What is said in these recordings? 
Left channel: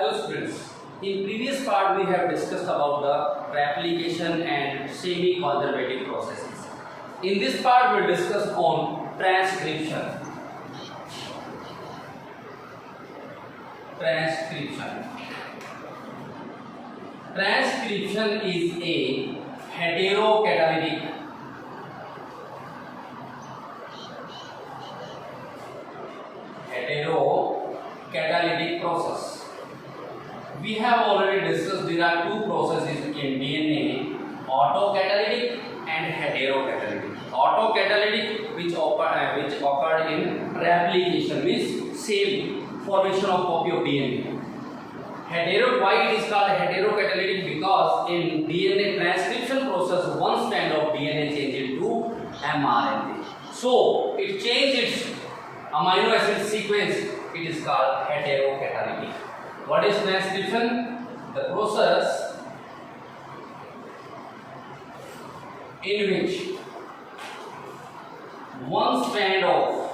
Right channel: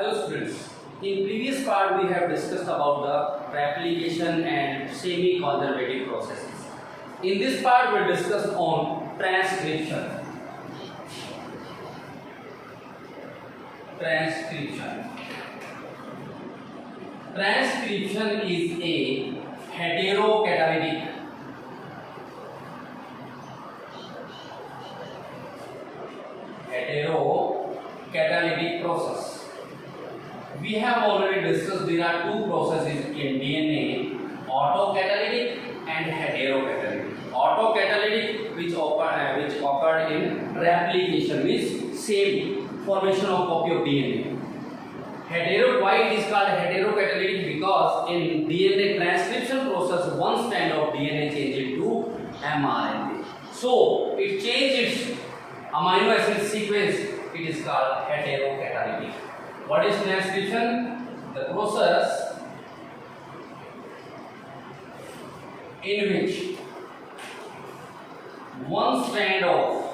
Hello students, in previous part we have discussed about the replication and semi-conservative processes. In this part we will discuss on transcription. Transcription is a heterocatalytic process. We have already discussed there are two processes in DNA, autocatalytic and heterocatalytic. Autocatalytic which occurred in replication, means same formation of copy of DNA. Why it is called heterocatalytic? Because in DNA transcription process, one strand of DNA changes into mRNA. So it changes its amino acid sequence. It is called heterocatalytic. What is transcription? The process in which one strand of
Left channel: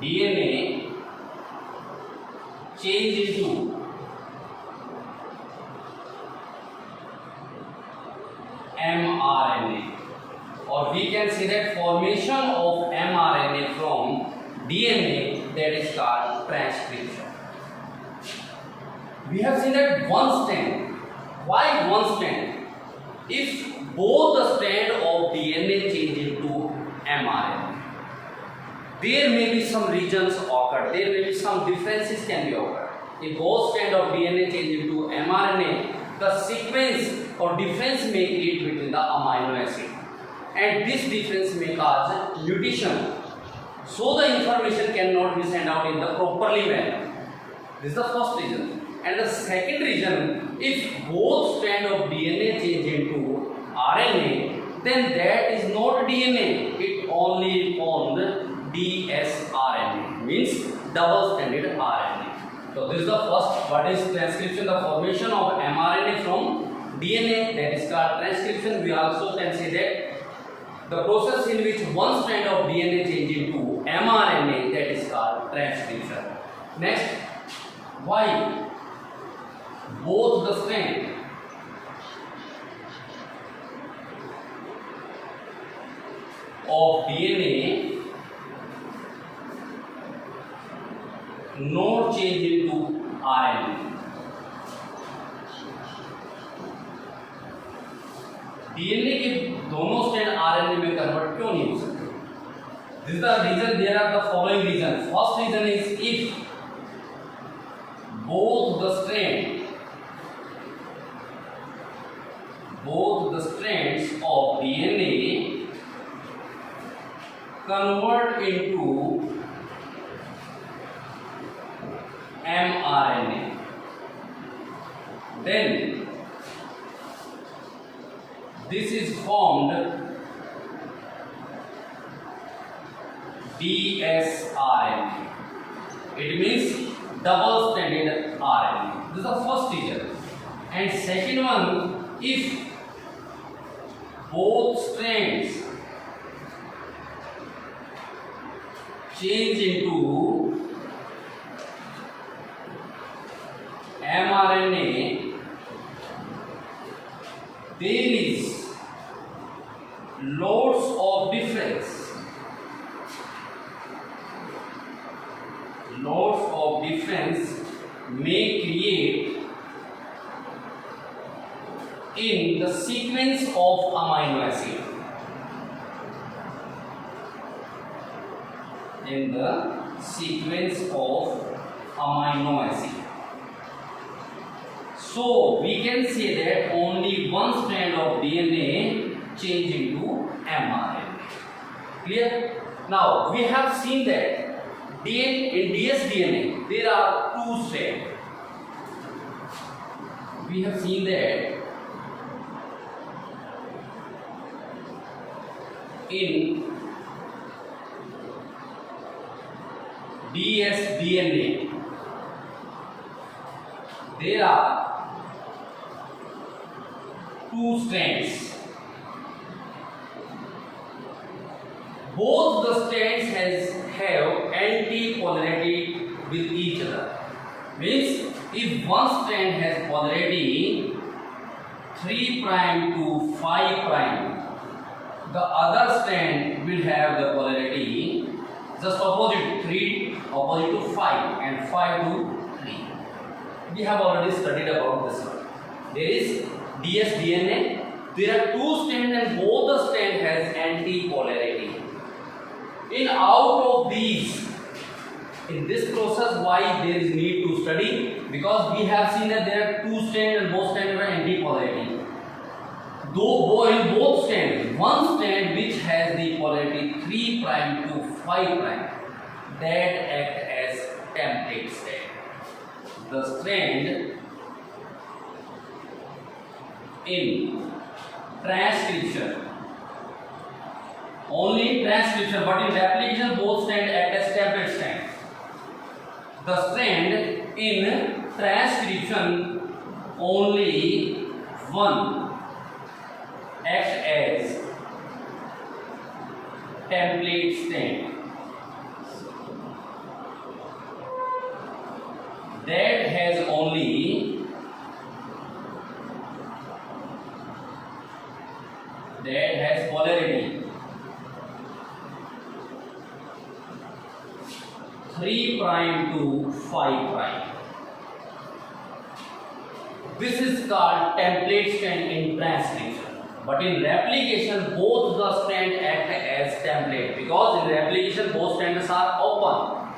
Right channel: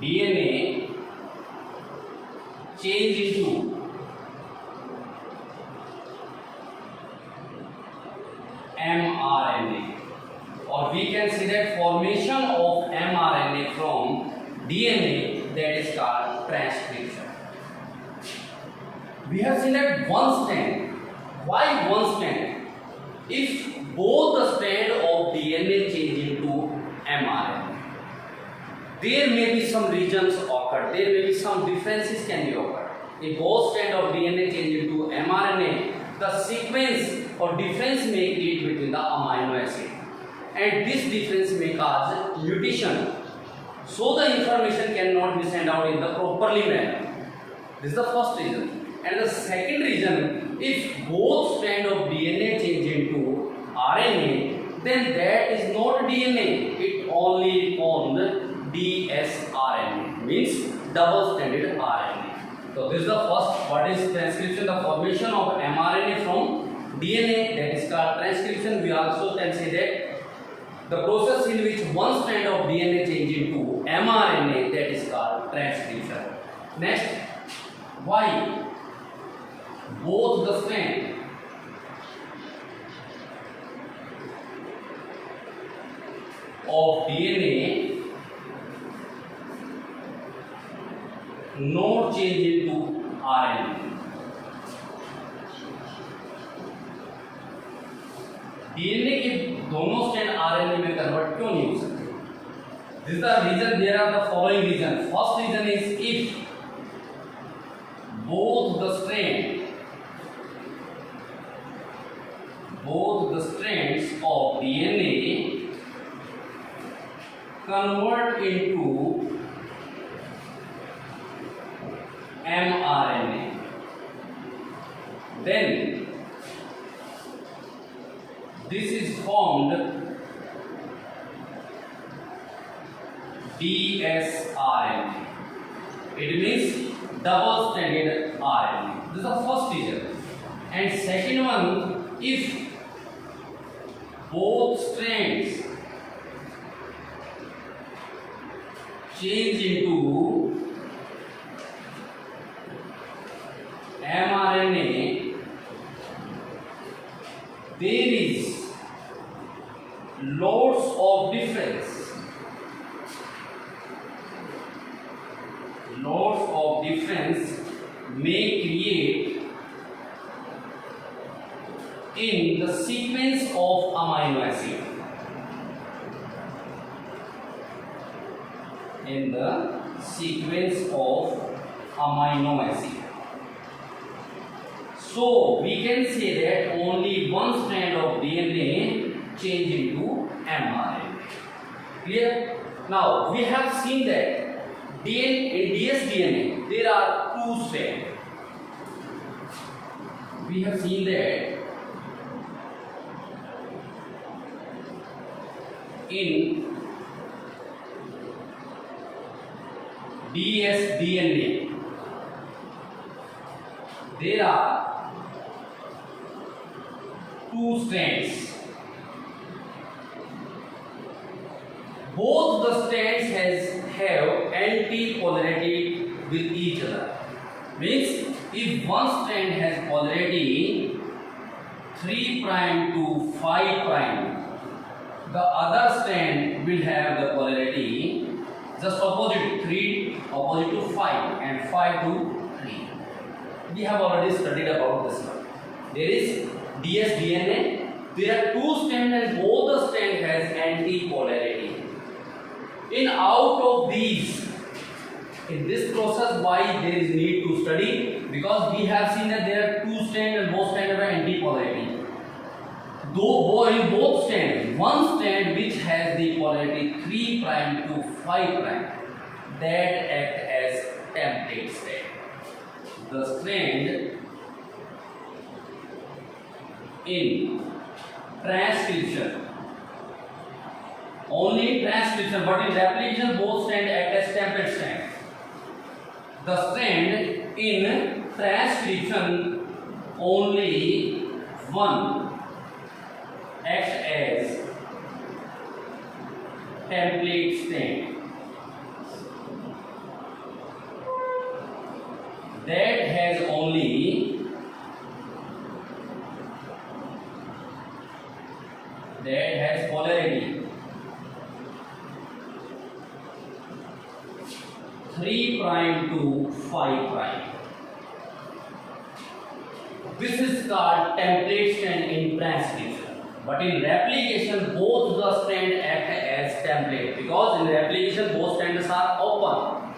DNA change into mRNA, or we can say that formation of mRNA from DNA, that is called transcription. We have seen that one strand. Why one strand? If both the strand of DNA change into mRNA, there may be some regions occur, there may be some differences can be occur. If both strand of DNA change into mRNA, the sequence or difference may create between the amino acid, and this difference may cause mutation. So the information cannot be sent out in the properly manner. This is the first reason. And the second reason, if both strand of DNA change into RNA, then that is not DNA. It only formed dsRNA, means double-stranded RNA. So this is the first. What is transcription? The formation of mRNA from DNA, that is called transcription. We also can say that the process in which one strand of DNA change into mRNA, that is called transcription. Next, why both the strand of DNA not change into RNA? DNA के दोनों strand RNA में convert क्यों नहीं हो सकते? This is the reason. There are the following reason. First reason is if both the strands of DNA convert into mRNA, then this is formed dsRNA. It means double-stranded RNA. This is the first reason. And second one, if both strands change into mRNA, there is lots of difference. May create in the sequence of amino acid. In the sequence of amino acid. So we can say that only one strand of DNA change into mRNA. Clear? Now we have seen that in dsDNA there are two strands. We have seen that in dsDNA there are two strands. Both the strands have anti-polarity with each other. Means if one strand has polarity 3 prime to 5 prime, the other strand will have the polarity just opposite, 3 opposite to 5 and 5 to 3. We have already studied about this one. There is ds-DNA. There are two strands and both the strand has anti-polarity. In out of these, in this process, why there is need to study? Because we have seen that there are two strands and both strands are anti-polarity. Though in both strands, one strand which has the polarity 3 prime to 5 prime, that act as template strand. The strand in transcription, only transcription, but in replication both strands act as template strand. The strand in transcription only one acts as template strand. That has only polarity 3 prime to 5 prime. This is called template strand in transcription. But in replication, both the strands act as template, because in replication both strands are open,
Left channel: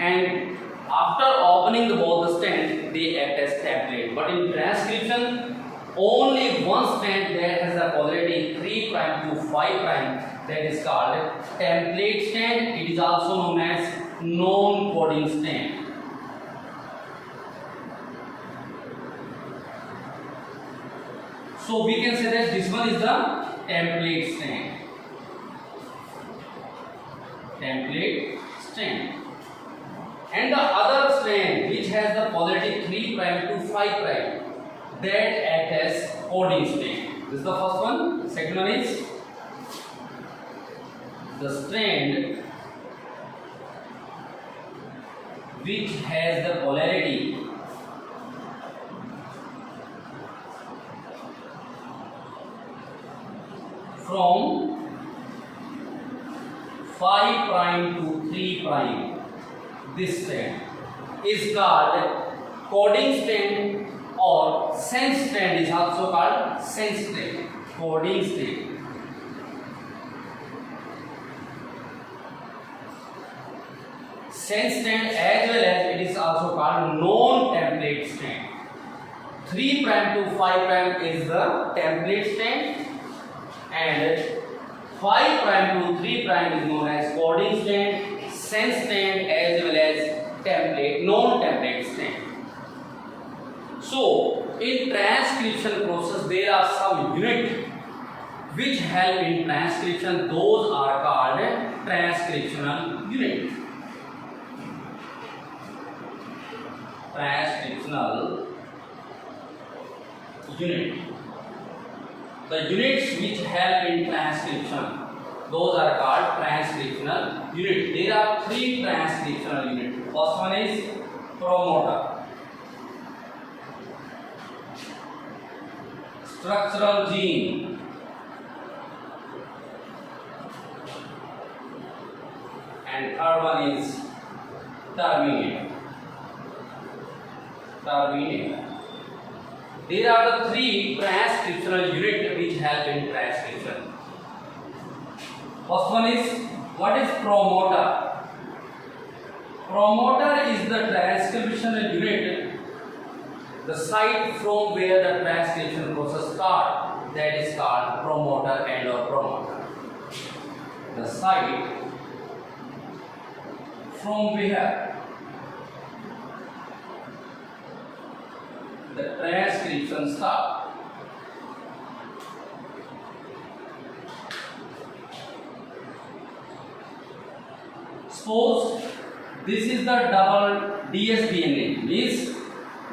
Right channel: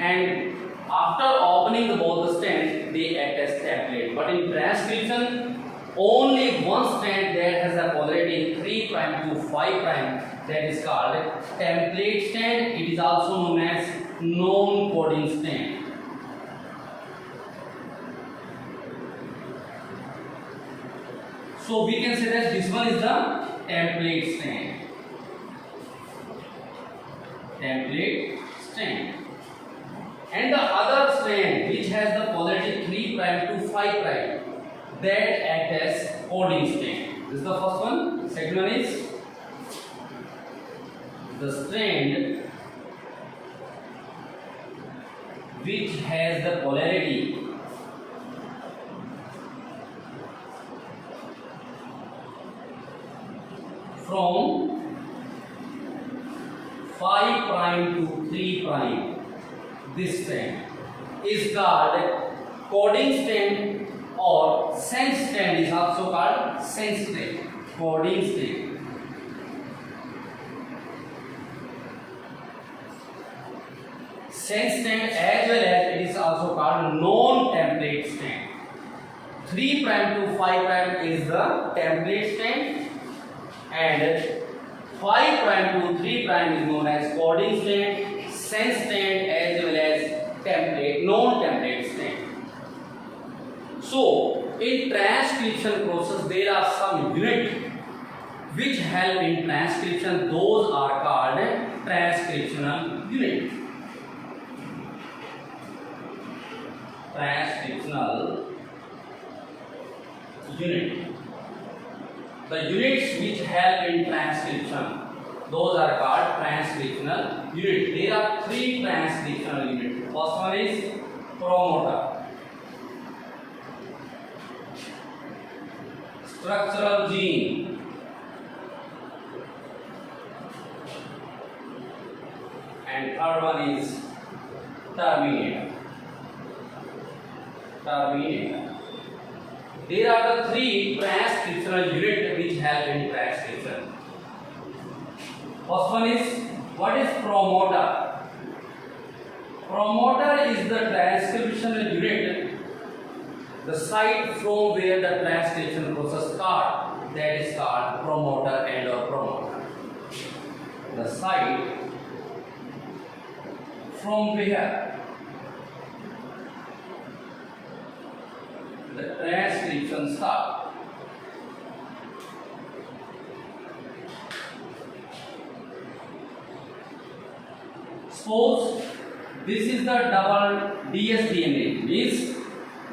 and after opening both the strands, they act as template. But in transcription, only one strand that has a polarity 3 prime to 5 prime, that is called template strand. It is also known as non-coding strand. So we can say that this one is the template strand. Template strand. And the other strand which has the polarity 3 prime to 5 prime, that act as coding strand. This is the first one. Second one is the strand which has the polarity from 5 prime to 3 prime. This strand is called coding strand, or sense strand is also called sense strand. Coding strand. Sense strand, as well as it is also called non-template strand. 3 prime to 5 prime is the template strand, and 5 prime to 3 prime is known as coding strand, sense strand, as well as template, non-template strand. So in transcription process there are some units which help in transcription. Those are called transcriptional unit. Transcriptional unit. The units which help in transcription, those are called transcriptional unit. There are 3 transcriptional units. First one is promoter, structural gene, and third one is terminator. There are the 3 transcriptional units which help in transcription. First one is, what is promoter? Promoter is the transcriptional unit, the site from where the transcription process starts. That is called promoter and or promoter. The site from where the transcription starts. Suppose this is the double ds-DNA, means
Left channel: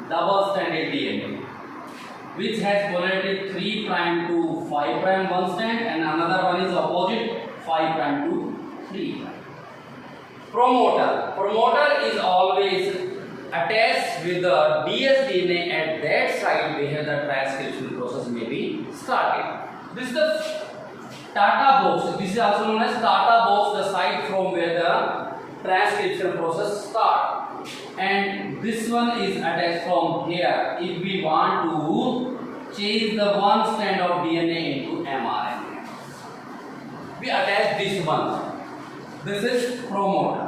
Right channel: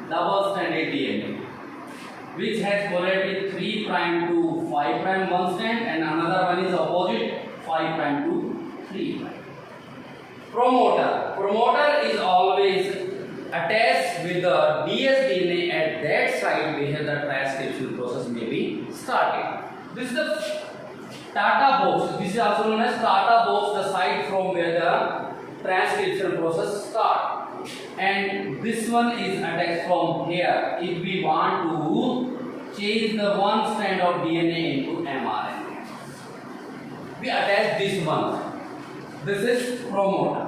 double stranded DNA, which has polarity 3 prime to 5 prime one strand, and another one is opposite 5 prime to 3 prime. Promoter. Promoter is always attached with the dsDNA at that site where the transcription process may be started. This is the Tata box. This is also known as Tata box, the site from where the transcription process starts. And this one is attached from here. If we want to change the one strand of DNA into mRNA, we attach this one. This is promoter.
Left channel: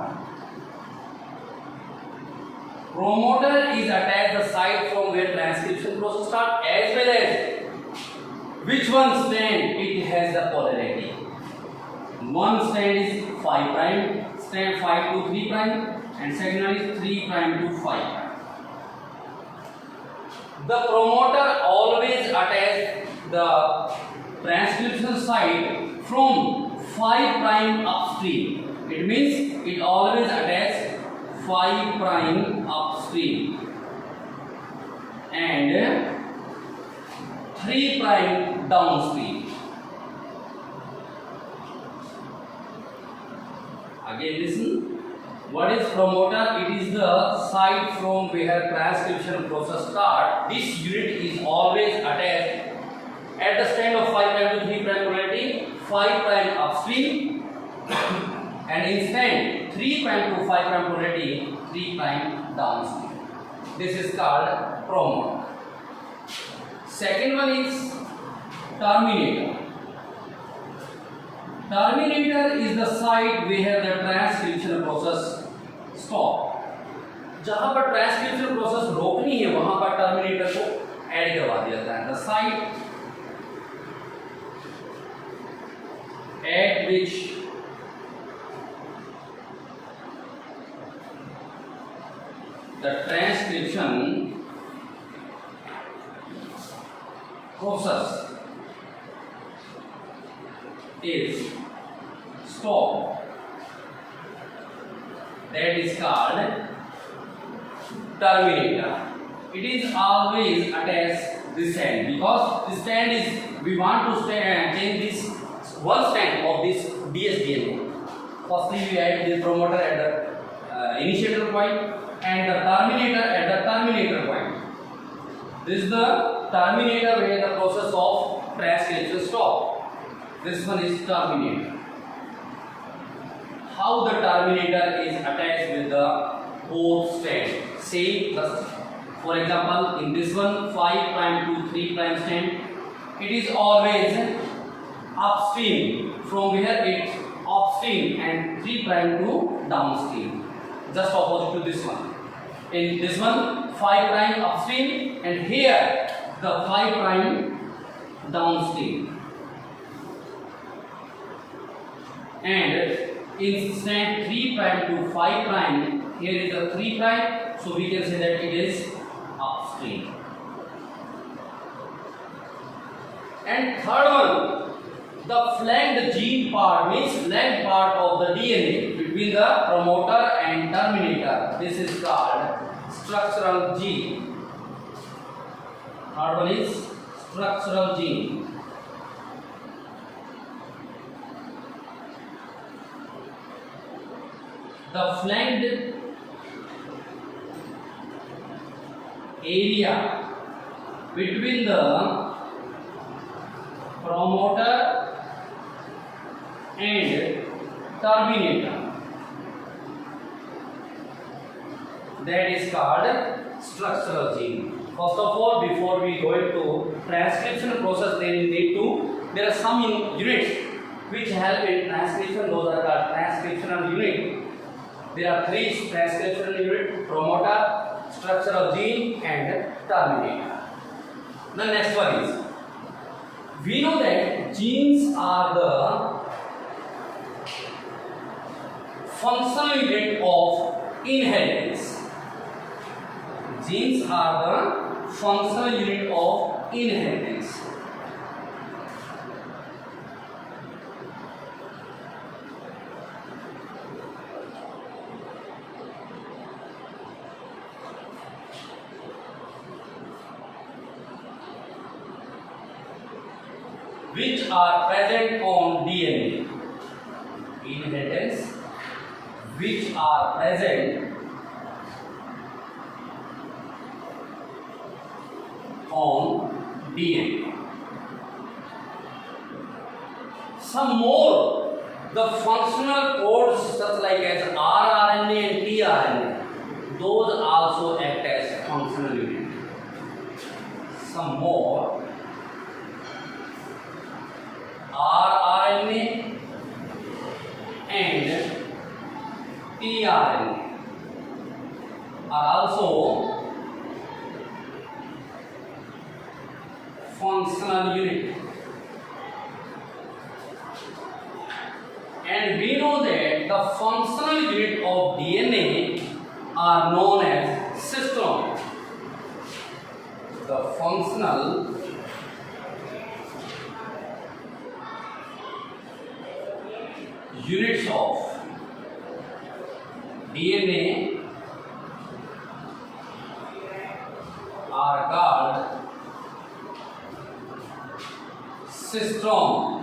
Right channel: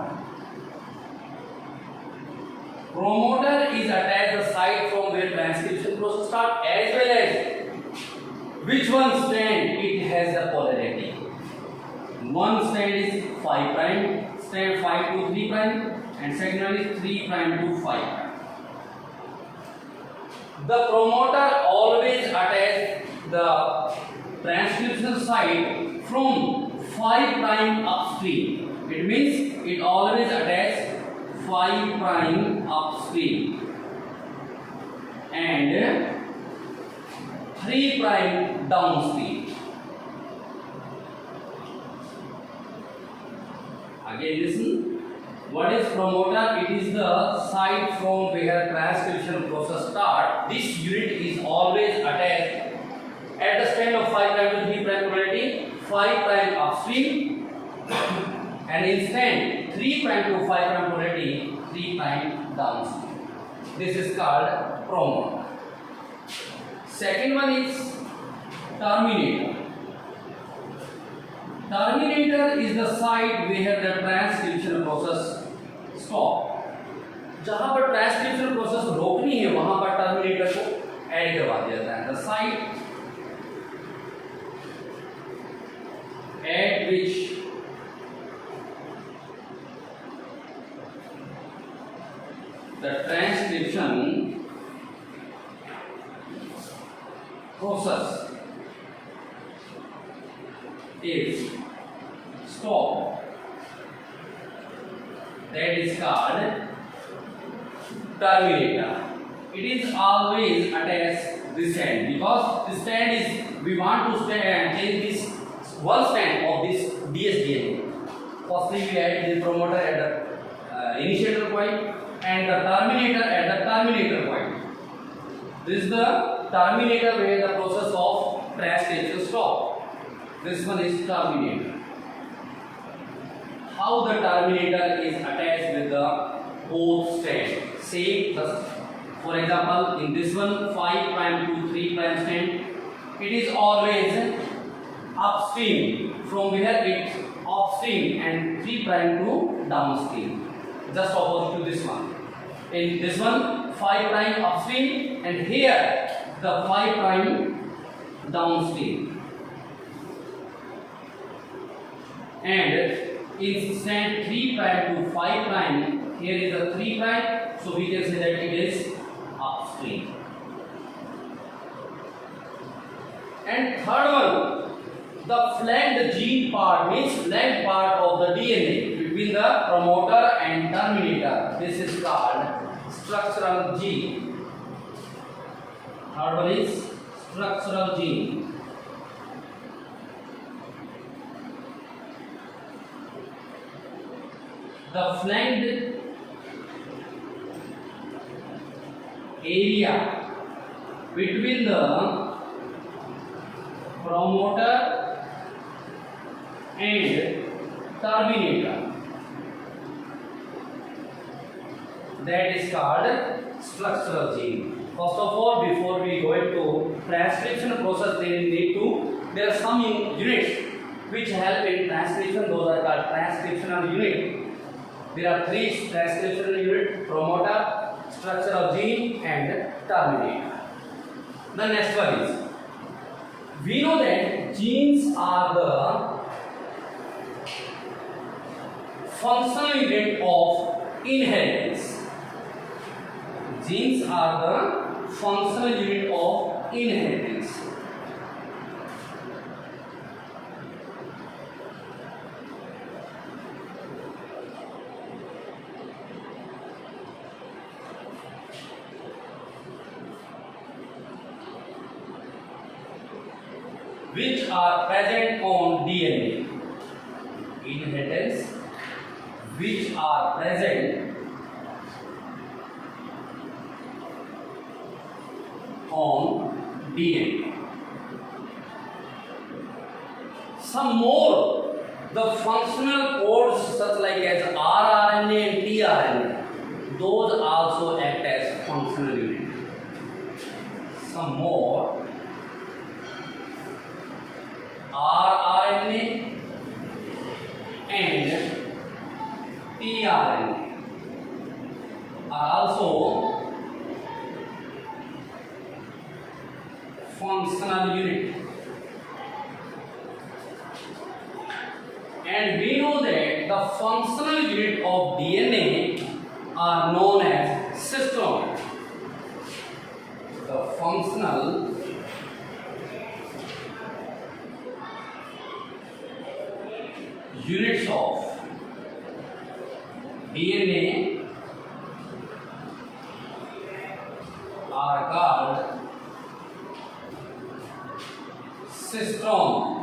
Promoter is attached the site from where transcription process starts, as well as which one strand it has the polarity. One strand is 5 prime, strand 5 to 3 prime, and second one is 3 prime to 5 prime. The promoter always attaches the transcription site from 5 prime upstream. It means it always attaches 5 prime upstream and 3 prime downstream. Again listen. What is promoter? It is the site from where transcription process starts. This unit is always attached at the strand of 5 prime to 3 prime polarity, 5 prime upstream, and in strand 3 prime to 5 prime polarity, 3 prime downstream. This is called promoter. Second one is terminator. Terminator is the site where the transcription process stop. जहां पर transcription process रोकनी है वहां पर terminator को add करवा दिया जाता है. The site at which the transcription process is stopped, that is called terminator. It is always attached this end, because this stand is, we want to change this one stand of this dsDNA. Firstly we add the promoter at the initiator point and the terminator at the terminator point. This is the terminator where the process of transcription stops. This one is terminator. How the terminator is attached with the both strands? Say, for example, in this one 5 prime to 3 prime strand, it is always upstream from where it's upstream and 3 prime to downstream. Just opposite to this one. In this one 5 prime upstream and here the 5 prime downstream. And in strand 3 prime to 5 prime, here is a 3 prime, so we can say that it is upstream. And third one, the flanked gene part means flanked part of the DNA between the promoter and terminator. This is called structural gene. Third one is structural gene. The flanked area between the promoter and terminator, that is called structural gene. First of all, before we go into transcription process, there are some units which help in transcription. Those are called transcriptional unit. There are 3 transcriptional units: promoter, structural gene, and terminator. The next one is, we know that genes are the functional unit of inheritance. Genes are the functional unit of inheritance. Which are present on DNA. Inheritance which are present on DNA. Some more, the functional codes such like as rRNA and tRNA, those also act as functional unit. Some more, rRNA and tRNA are also functional unit. And we know that the functional unit of DNA are known as cistron. The functional units of DNA are called cistron.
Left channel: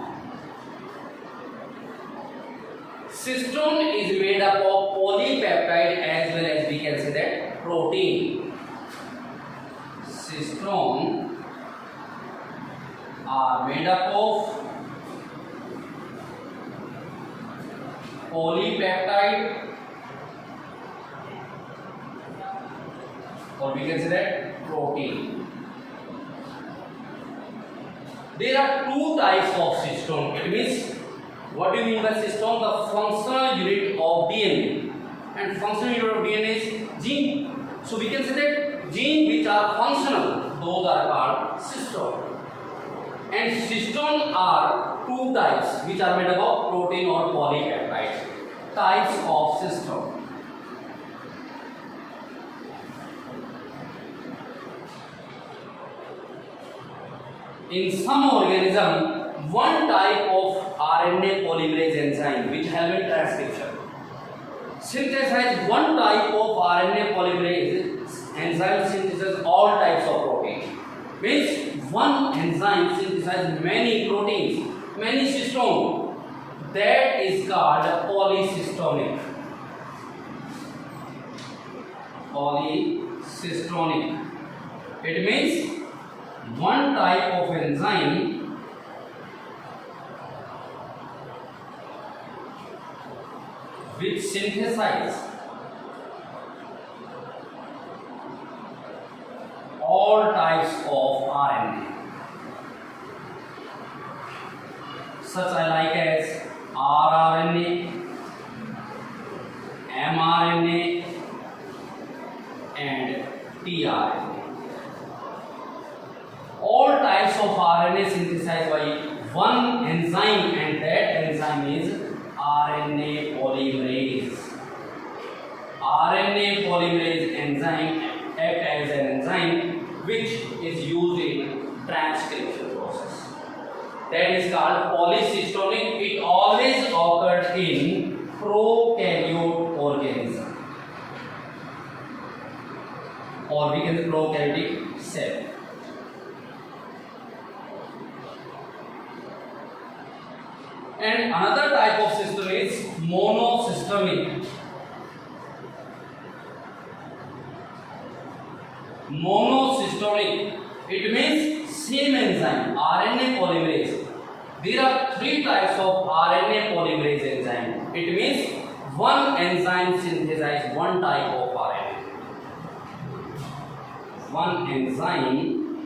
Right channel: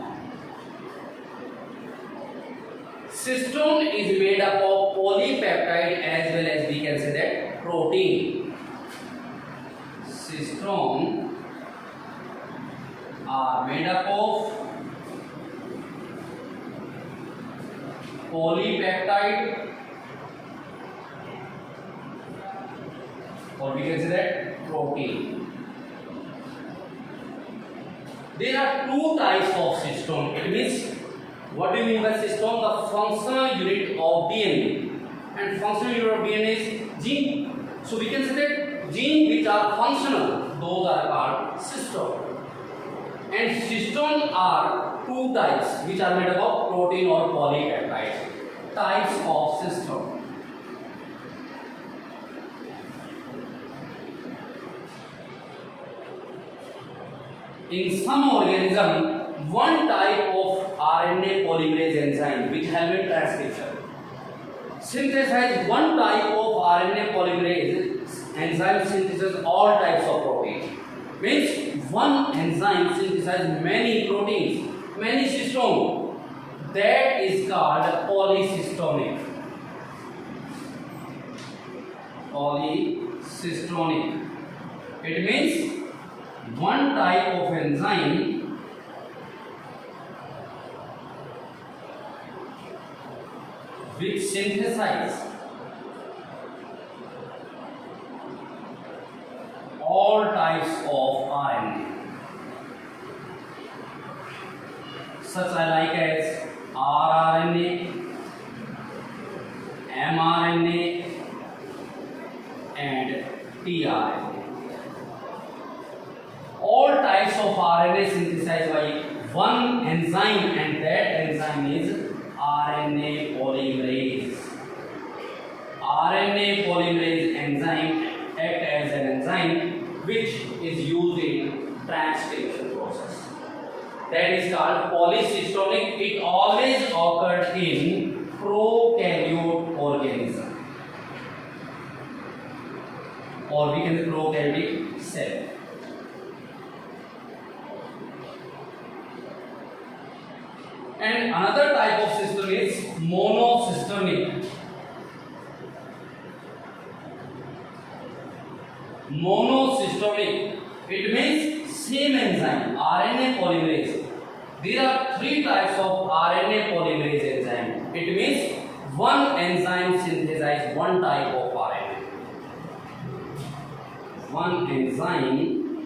Cistron is made up of polypeptide as well as we can say that protein. Cistron are made up of polypeptide or we can say that protein. There are two types of cistron. It means, what do you mean by cistron? The functional unit of DNA, and functional unit of DNA is gene. So we can say that gene which are functional, those are called cistron. And cistron are two types which are made up of protein or polypeptide. Types of cistron. In some organism, one type of RNA polymerase enzyme which help in transcription synthesize one type of RNA polymerase enzyme synthesizes all types of protein. Means one enzyme synthesizes many proteins, many cistron. That is called polycystonic. Polycystonic. It means one type of enzyme which synthesizes all types of RNA, such like as rRNA, mRNA and tRNA. All types of RNA synthesized by one enzyme, and that enzyme is RNA polymerase. RNA polymerase enzyme act as an enzyme which is used in transcription process. That is called polycystonic. It always occurs in prokaryote organism, or we can say prokaryotic cell. And another type of cistron is monocystonic. Monocystonic, it means same enzyme, RNA polymerase. There are three types of RNA polymerase enzyme. It means one enzyme synthesizes one type of RNA. One enzyme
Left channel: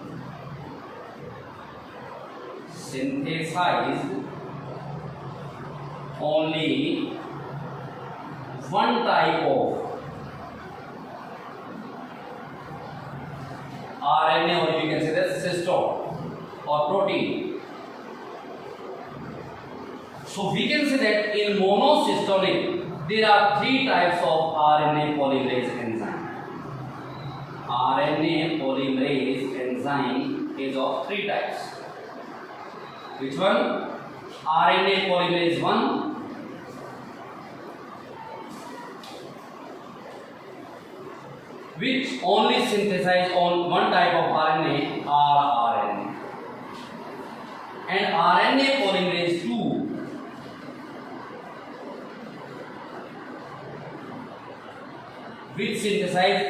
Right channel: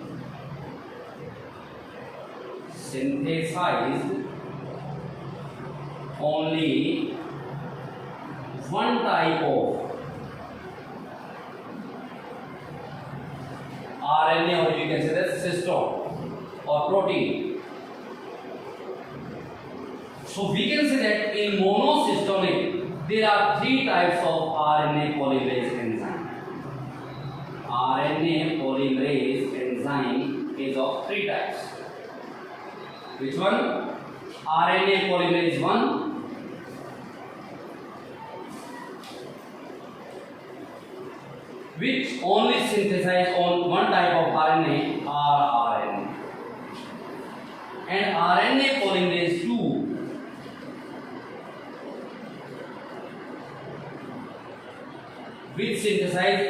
synthesizes only one type of RNA, or you can say that cistron or protein. So we can say that in monocystonic there are three types of RNA polymerase enzyme. RNA polymerase enzyme is of three types. Which one? RNA polymerase 1, which only synthesize on one type of RNA, rRNA, and RNA polymerase 2, which synthesize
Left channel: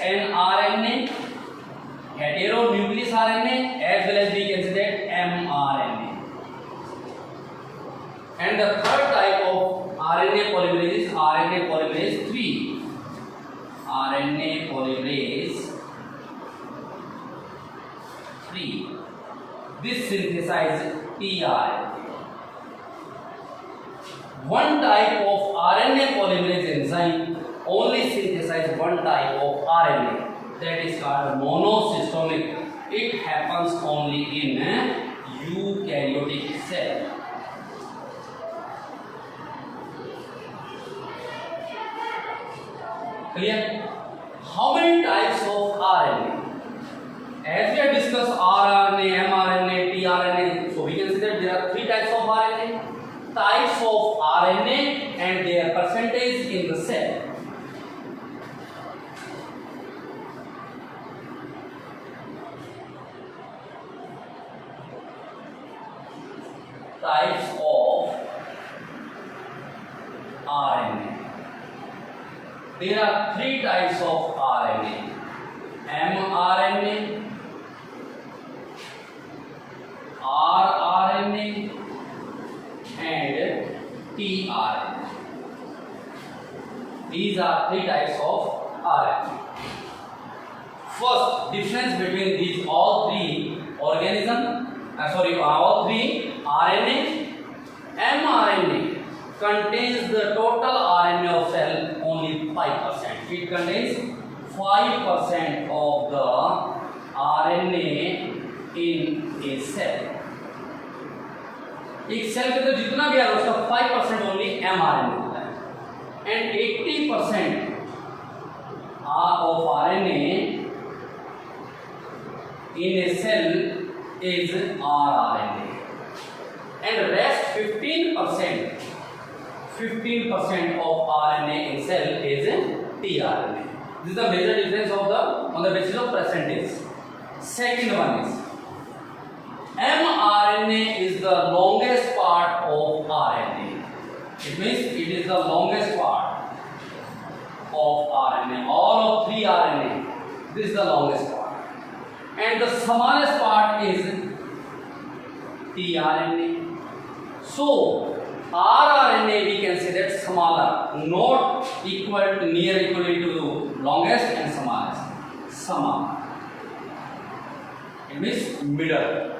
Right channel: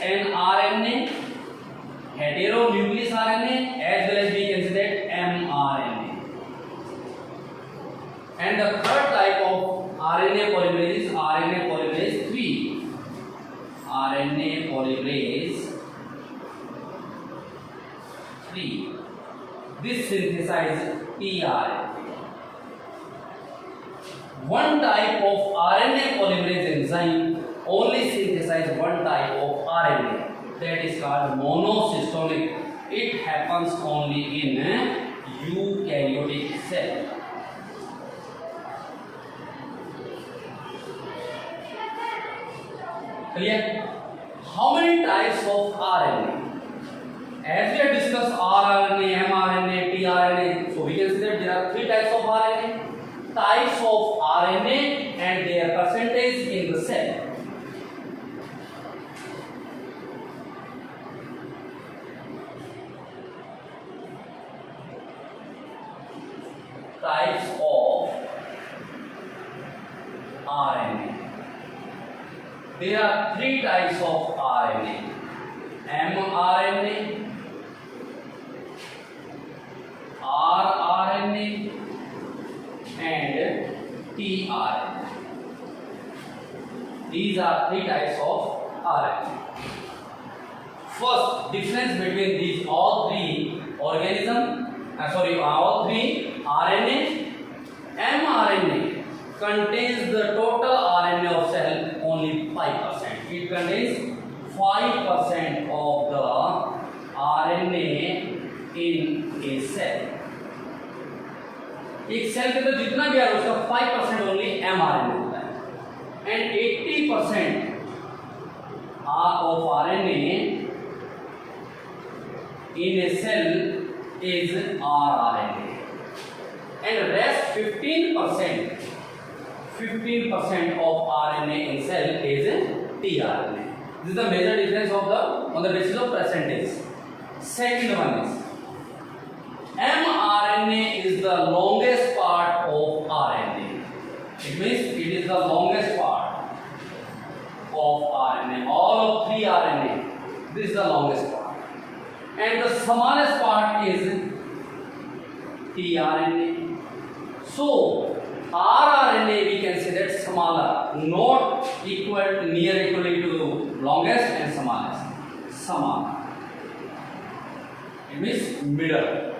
HNRNA, heteronucleus RNA, as well as we can say that mRNA. And the third type of RNA polymerase is RNA polymerase 3. RNA polymerase 3. This synthesizes tRNA. One type of RNA polymerase enzyme only synthesizes one type of RNA, that is called monosystemic. It happens only in eukaryotic cell. Clear? How many types of RNA? As we have discussed RNA, mRNA, tRNA, so we can see that there are 3 types of RNA. Types of RNA and their percentage in the cell. Types of RNA. There are 3 types of RNA: mRNA, rRNA, and tRNA. These are 3 types of RNA. First, difference between these all 3 RNA. mRNA contains the total RNA of cell only 5%. It contains 5% of the RNA in a cell. एक cell के तो जितना भी है उसका 5% only mRNA होता है, and 80% of RNA in a cell is rRNA, and rest 15% of RNA in cell is tRNA. This is the major difference of on the basis of percentage. Second one is mRNA is the longest part of RNA. It means it is the longest part of RNA. All of 3 RNA, this is the longest part. And the smallest part is tRNA. So, rRNA we can say that smaller, not equal to near equally to longest and smallest. Smaller. It means middle.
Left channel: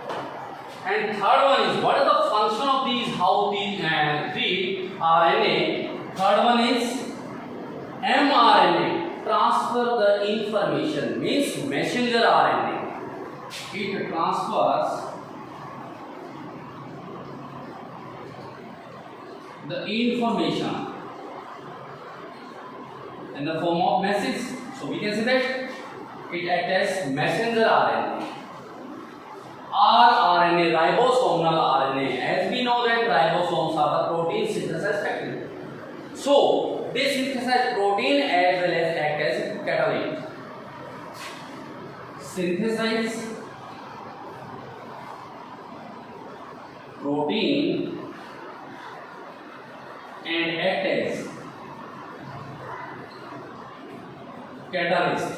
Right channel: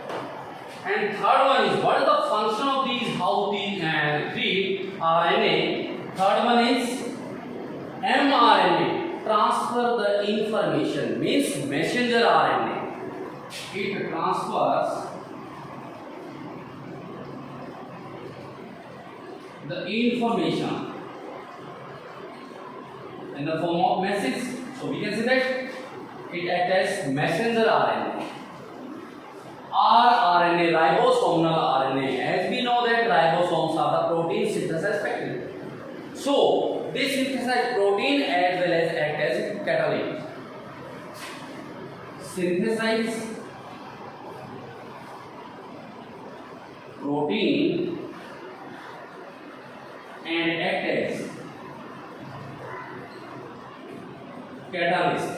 And third one is, what is the function of these, how the 3 RNA? Third one is mRNA, transfer the information, means messenger RNA. It transfers the information in the form of message. So we can say that it acts as messenger RNA. rRNA, ribosomal RNA. As we know that ribosomes are the protein synthesis factory. So they synthesize protein as well as act as catalyst. Synthesize protein and act as catalyst.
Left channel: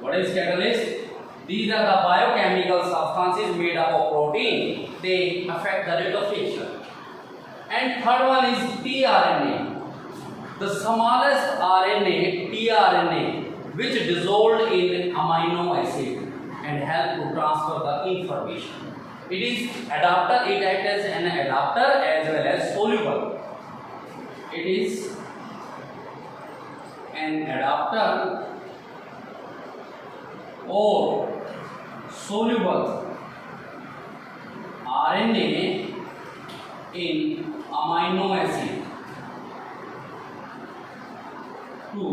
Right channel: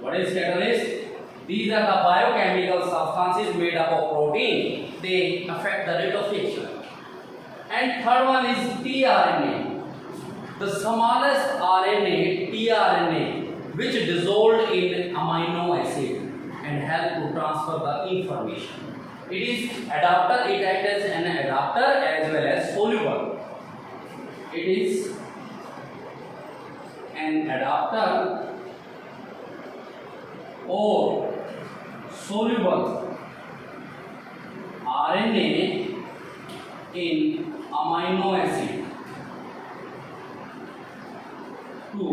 What is catalyst? These are the biochemical substances made up of protein. They affect the rate of reaction. And third one is tRNA, the smallest RNA, tRNA, which dissolved in amino acid and help to transfer the information. It is adapter. It acts as an adapter as well as soluble. It is an adapter or soluble RNA in amino acid to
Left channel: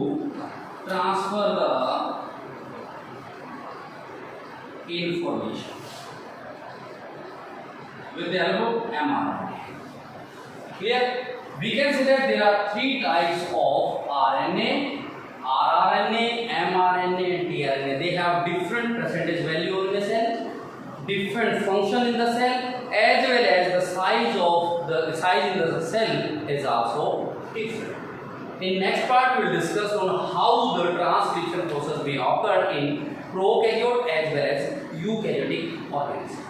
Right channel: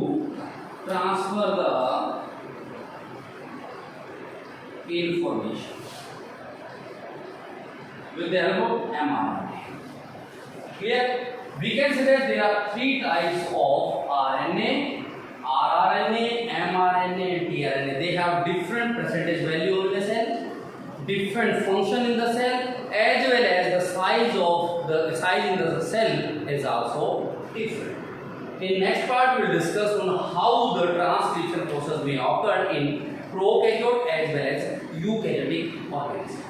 transfer the information with the help of mRNA. Here we can say that there are 3 types of RNA: rRNA, mRNA, and tRNA. They have different percentage value in the cell, different function in the cell, as well as the size in the cell is also different. In next part, we will discuss on how the transcription process may occur in prokaryote as well as eukaryotic organisms.